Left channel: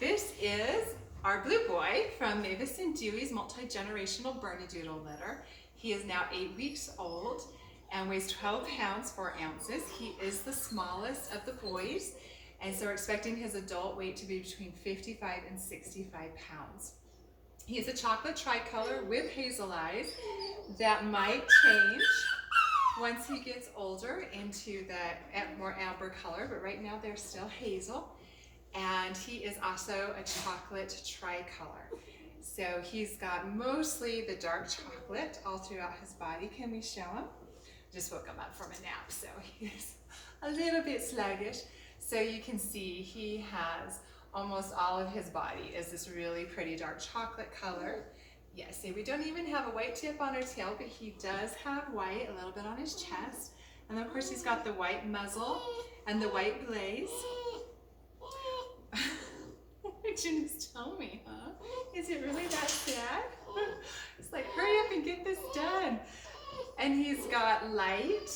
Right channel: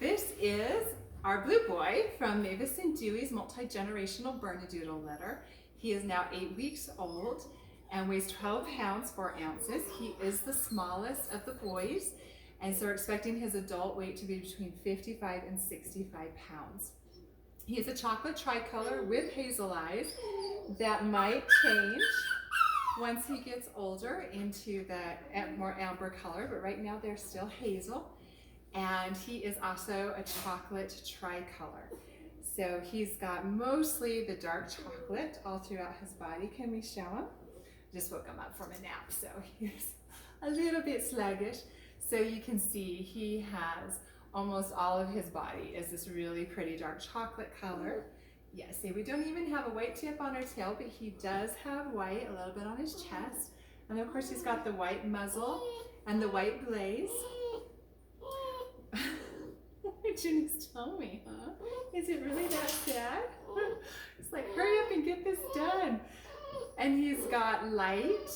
This is our blue boy from Mavis and Dewey's multi-generational Bernedoodle litter. He is now 8 weeks old and weighs 12 pounds 4 ounces. He is the smallest of the boys, and so we're expecting his adult weight to be between 55 and 65 pounds. He is a chocolate tricolor with hazel eyes that might change once he gets older into the more amber color, but right now they're still hazel. And he is also a chocolate tricolor. So he's got mostly the dark chocolate all throughout his body. Can we show him? Just woke him up from a nap, so he's a little bit sluggish. So you can see he has almost all of his body is this really pretty dark chocolate color. Yes, see, we don't even have a white tip on our tail, but he does have white a little bit on his chest. And of course he's got the white muzzle and the white blaze. What did you just tell me, huh? Is it really that sad? It's like, hurry up and get this done. And he's got light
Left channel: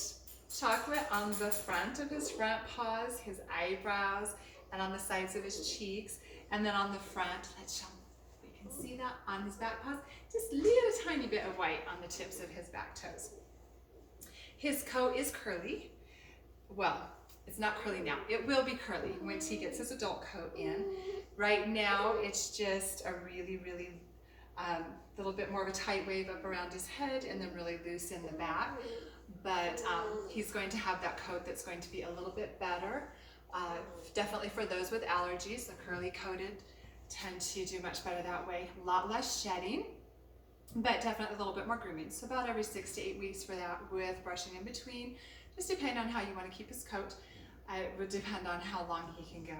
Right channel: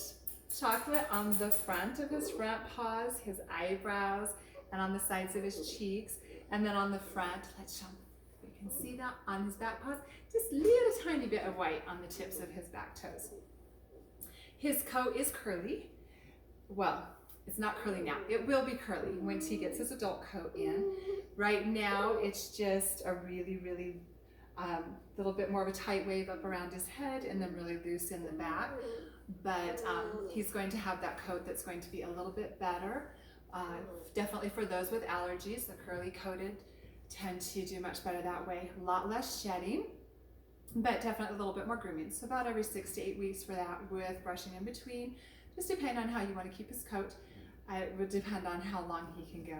chocolate on the front of his front paws, his eyebrows, and on the sides of his cheeks. And then on the front, let's show him. You can see that on his back paws, just a little tiny bit of white on the tips of his back toes. His coat is curly. Well, it's not curly now. It will be curly once he gets his adult coat in. Right now, it's just a really little bit more of a tight wave up around his head and then really loose in the back. But he's going to have that coat that's going to be a little bit better. Definitely for those with allergies, the curly coated tend to do much better that way. A lot less shedding, but definitely a little bit more grooming. So about every 6 to 8 weeks for that, with brushing in between. Just depending on how you want to keep his coat. It would depend on how long he can go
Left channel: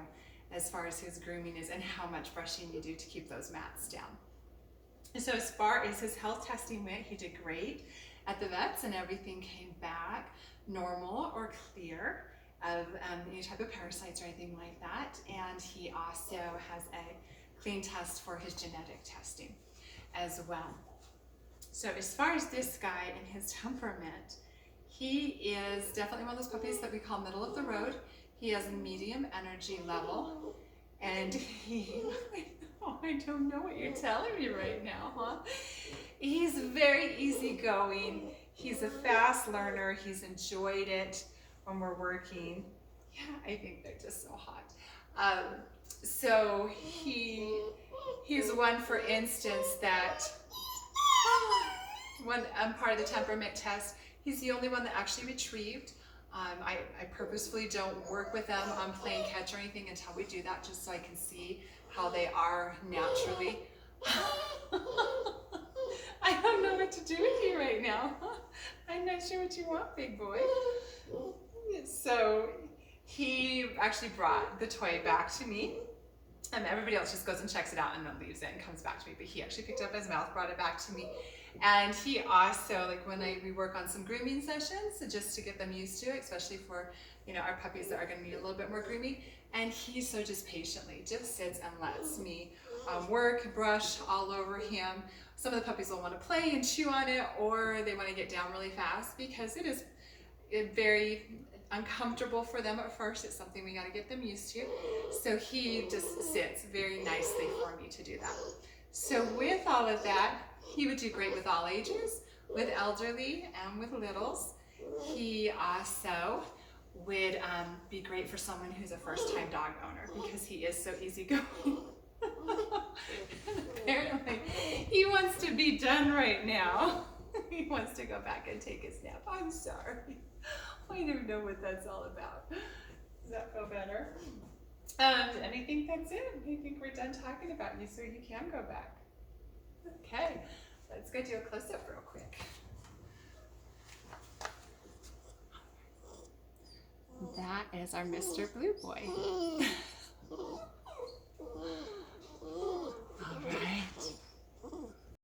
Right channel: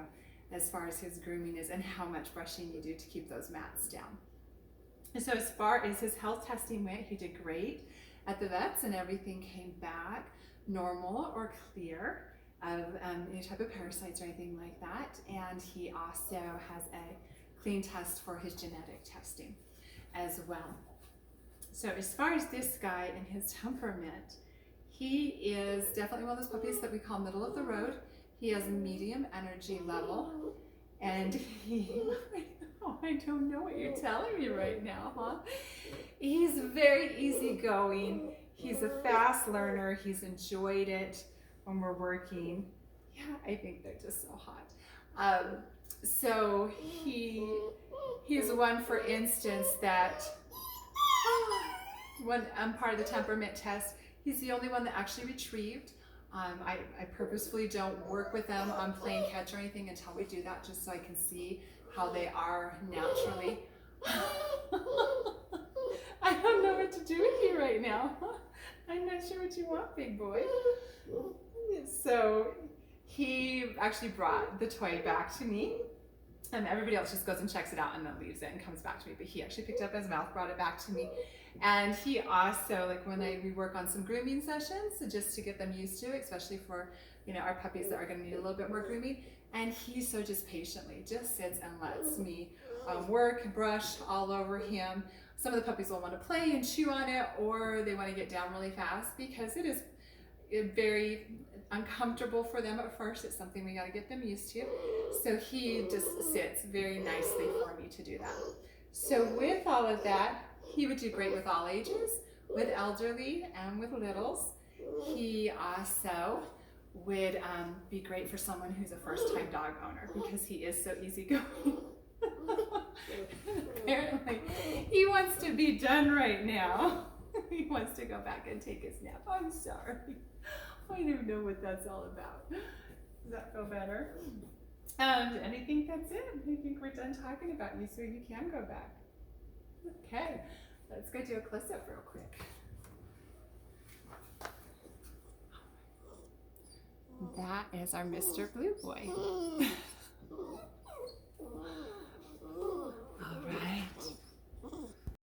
as far as his grooming is and how much brushing you do to keep those mats down. And so as far as his health testing went, he did great at the vets and everything came back normal or clear of any type of parasites or anything like that. And he also has a clean test for his genetic testing as well. So as far as this guy and his temperament, he is definitely one of those puppies that we call middle of the road. He has a medium energy level, and I don't know what you're telling me right now, huh? He's very easygoing. He's a fast learner. He's enjoyed it when we're working. Yeah, I think they're just so hot. So he's one, for instance, that when I'm part of the temperament test, he's the only one that actually retrieved. I purposefully don't work with them on playing catch or anything until we do that, just so I can see how they are naturally. I don't know what to do with you right now. I'm not sure what you want, big boy. So he actually brought the toy back to me. Everybody else just goes and checks it out and then leaves it and comes back to me, but he actually picked up his mouth, brought it back to me. And he also, like when we work on some grooming sessions, so just to get them used to it, especially for, our puppies that are going to need a little bit more grooming. And he so just patiently just sits and lets me work, brush all over him. Some of the puppies will want to play and chew on it, or they want to get down really fast because it is very uncomfortable for them at first. It's something we got to get them used to. So he just sits very nicely for me to do that. So with all of that, he would do great with all ages, with elderly and with littles. He also would be great for someone who's a first-time dog owner because he is so easygoing. Apparently, he wants to be done right now. He wants to go back and take his nap. I'm sorry. I don't know what that's all about. Does that feel better? And I think that's it. I think we're done talking about you, so you can go back. Okay, let's go do a close-up real quick. That is our Mr. Blue Boy.